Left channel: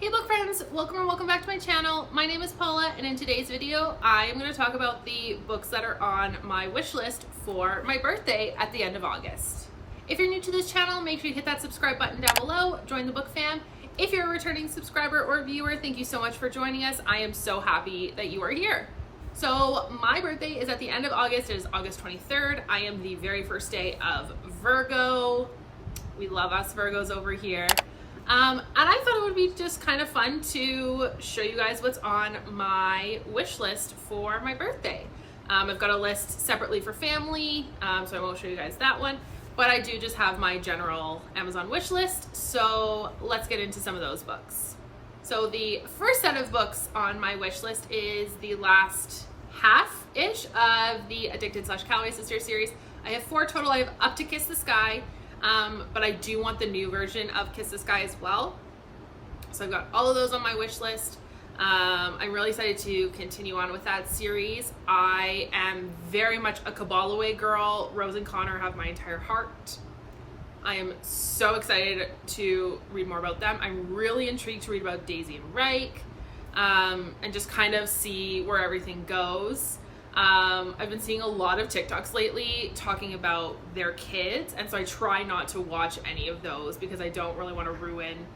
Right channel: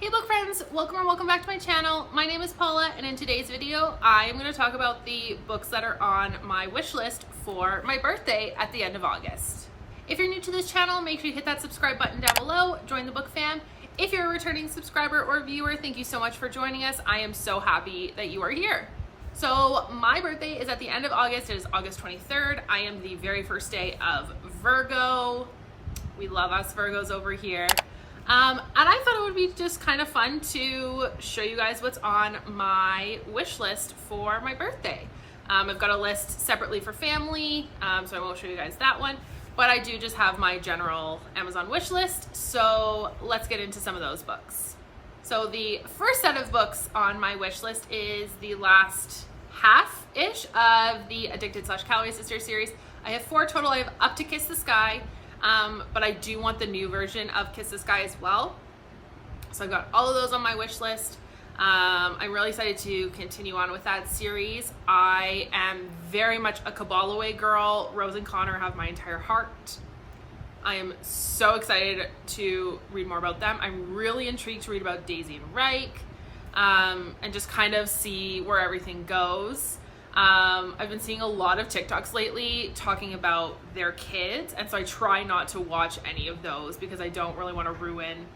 Hey book friends, welcome back to my channel. My name is Paula, and in today's video I am going to talk about the books that are on my wish list for my birthday at the end of August. If you're new to this channel, make sure you hit that subscribe button down below, join the book fam. If you're a returning subscriber or viewer, thank you so much for joining us. I am so happy that you are here. So my birthday is at the end of August. It is August 23rd. I am the very first day of Virgo. We love us Virgos over here. And I thought it would be just kind of fun to show you guys what's on my wish list for my birthday. I've got a list separately for family, so I won't show you guys that one, but I do just have my general Amazon wish list. So let's get into some of those books. So the first set of books on my wish list is the last half-ish of the Addicted/Calloway Sisters series. I have 4 total. I have Up to Kiss the Sky, but I do want the new version of Kiss the Sky as well. So I've got all of those on my wish list. I'm really excited to continue on with that series. I am very much a Calloway girl. Rose and Connor have my entire heart. I am so excited to read more about them. I'm really intrigued to read about Daisy and Reich, and just kind of see where everything goes. I've been seeing a lot of TikToks lately talking about their kids, and so I try not to watch any of those because I don't really want to ruin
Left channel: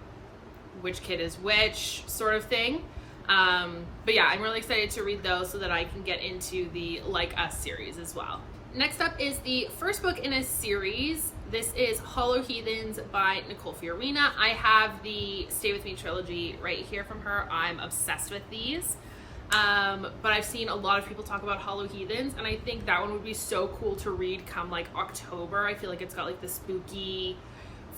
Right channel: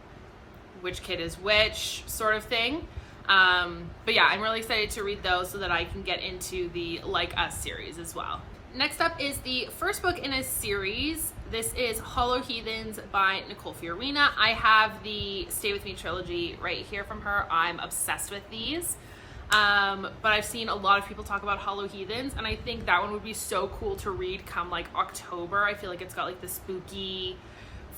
which kid is which sort of thing. But yeah, I'm really excited to read those so that I can get into the Like Us series as well. Next up is the first book in a series. This is Hollow Heathens by Nicole Fiorina. I have the Stay With Me trilogy right here from her. I'm obsessed with these. But I've seen a lot of people talk about Hollow Heathens, and I think that one would be so cool to read come like October. I feel like it's got like the spooky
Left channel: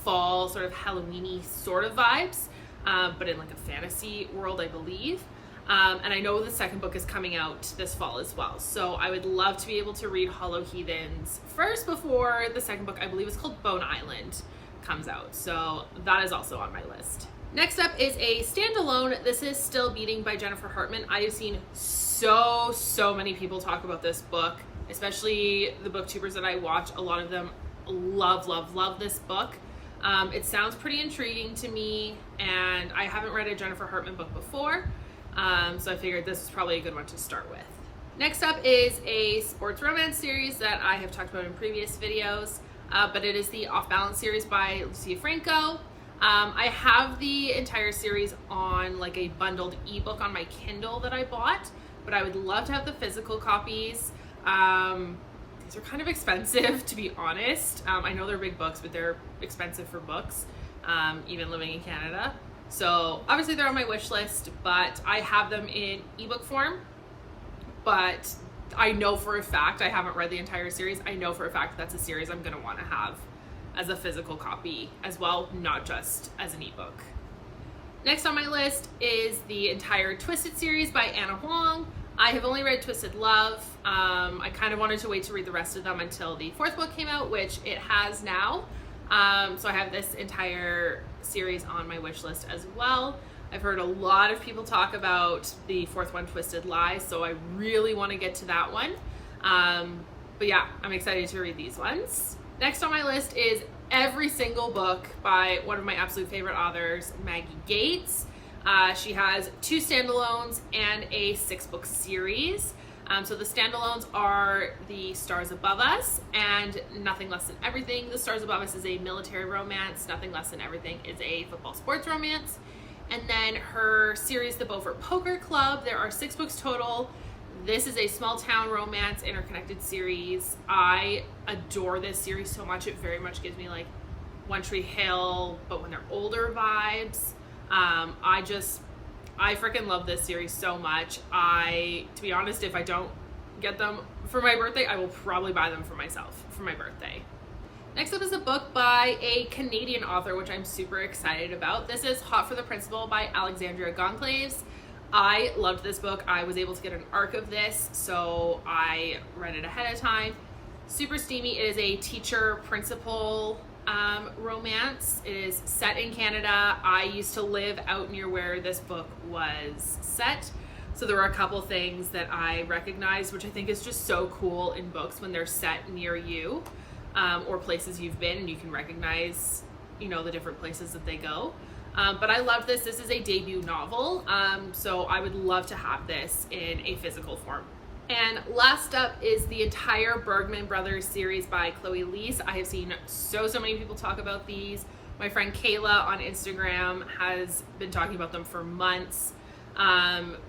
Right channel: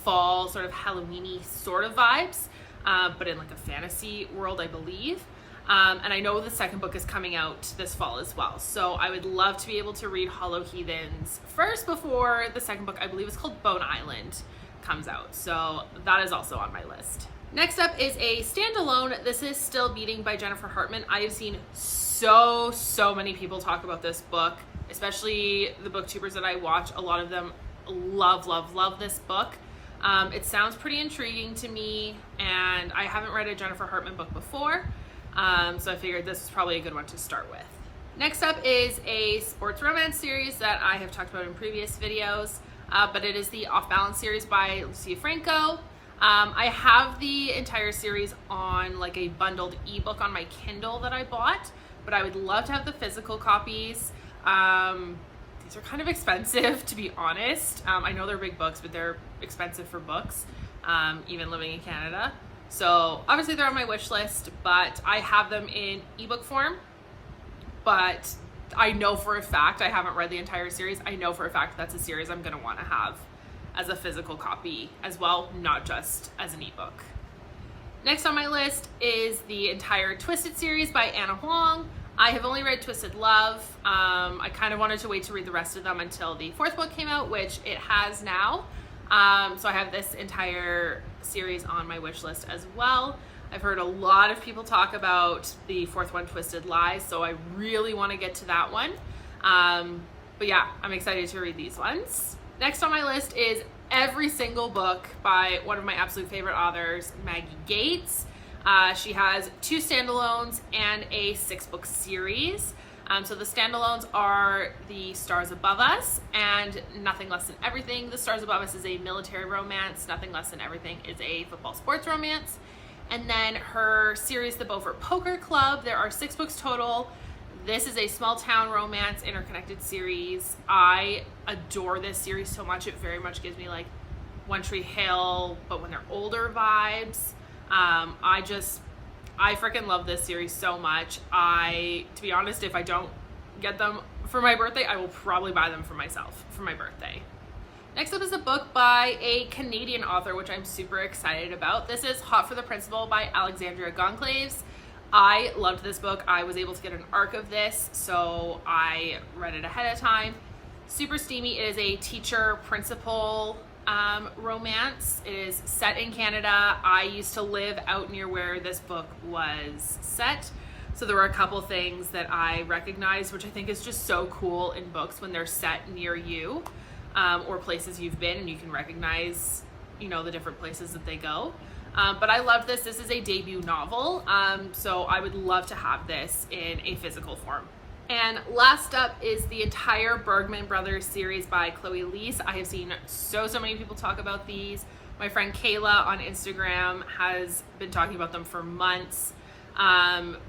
fall sort of Halloween-y sort of vibes, but in like a fantasy world, I believe. And I know the second book is coming out this fall as well. So I would love to be able to read Hollow Heathens first before the second book, I believe is called Bone Island, comes out. So that is also on my list. Next up is a standalone. This is Still Beating by Jennifer Hartman. I have seen so many people talk about this book, especially the booktubers that I watch. A lot of them love this book. It sounds pretty intriguing to me, and I haven't read a Jennifer Hartman book before, so I figured this is probably a good one to start with. Next up is a sports romance series that I have talked about in previous videos, but it is the Off Balance series by Lucia Franco. I have the entire series on like a bundled ebook on my Kindle that I bought, but I would love to have the physical copies. These are kind of expensive, to be honest. I know they're big books, but they're expensive for books, even living in Canada. So obviously they're on my wish list, but I have them in ebook form. But I know for a fact, I haven't read the entire series. I know for a fact that's a series I'm going to want to have as a physical copy as well, not just as an ebook. Next on my list is the entire Twisted series by Anna Huang. I have only read Twisted Love. I kind of wanted to wait to read the rest of them until the 4th book came out, which it has now. So I have this entire series on my wish list as well. I've heard a lot of people talk about the 4th one, Twisted Lies, so I really want to get to that one. But yeah, I'm excited to read these ones. Next on my list is every single book by one of my absolute favorite authors, Maggie Gates. She has 2 standalones and a 6-book series. So the standalones are The Stars Above Us and Nothing Less Than Everything. The Stars Above Us is a military romance. Nothing Less Than Everything is a football sports romance. And then her series, The Beaufort Poker Club. There are 6 books total. This is a small town romance interconnected series. I adore this series so much. It very much gives me like One Tree Hill, but when they're older vibes. I freaking love this series so much. To be honest, if I don't get them for my birthday, I will probably buy them for myself for my birthday. Next up is a book by a Canadian author, which I'm super excited about. This is Hot for the Principal by Alexandria Goncalves. I loved this book. I was able to get an arc of this, so I read it ahead of time. Super steamy. It is a teacher-principal romance. It is set in Canada. I used to live out near where this book was set, so there were a couple things that I recognized, which I think is just so cool in books when they're set near you, or places you've been and you can recognize, you know, the different places that they go. But I love this. This is a debut novel, so I would love to have this in a physical form. And last up is the entire Bergman Brothers series by Chloe Leese. I have seen so many people talk about these. My friend Kayla on Instagram has been talking about them for months.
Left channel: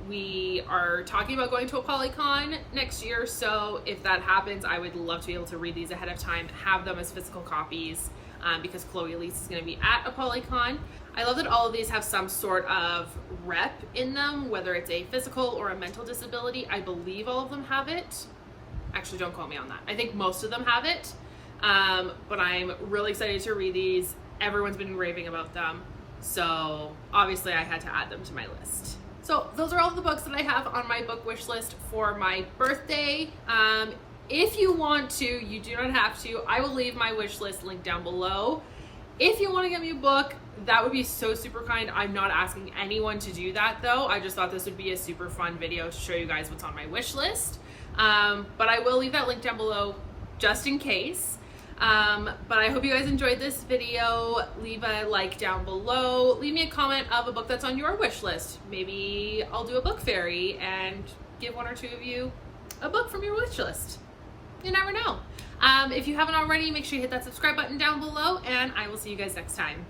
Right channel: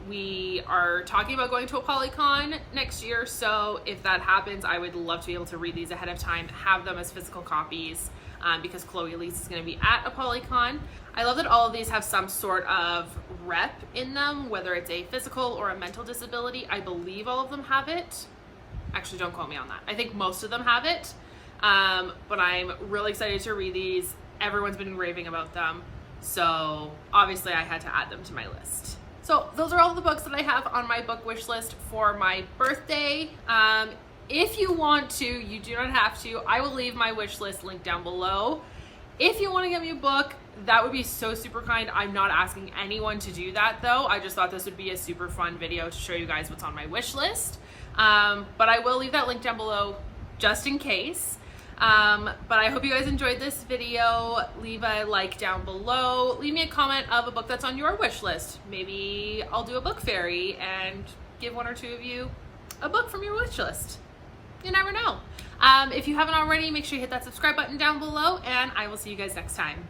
We are talking about going to a Polycon next year, so if that happens, I would love to be able to read these ahead of time, have them as physical copies, because Chloe Leese is going to be at a Polycon. I love that all of these have some sort of rep in them, whether it's a physical or a mental disability. I believe all of them have it. Actually, don't quote me on that. I think most of them have it, but I'm really excited to read these. Everyone's been raving about them, so obviously I had to add them to my list. So those are all the books that I have on my book wish list for my birthday. If you want to, you do not have to. I will leave my wish list link down below. If you want to get me a book, that would be so super kind. I'm not asking anyone to do that though. I just thought this would be a super fun video to show you guys what's on my wish list. But I will leave that link down below just in case. But I hope you guys enjoyed this video. Leave a like down below. Leave me a comment of a book that's on your wish list. Maybe I'll do a book fairy and give one or two of you a book from your wish list. You never know. If you haven't already, make sure you hit that subscribe button down below, and I will see you guys next time.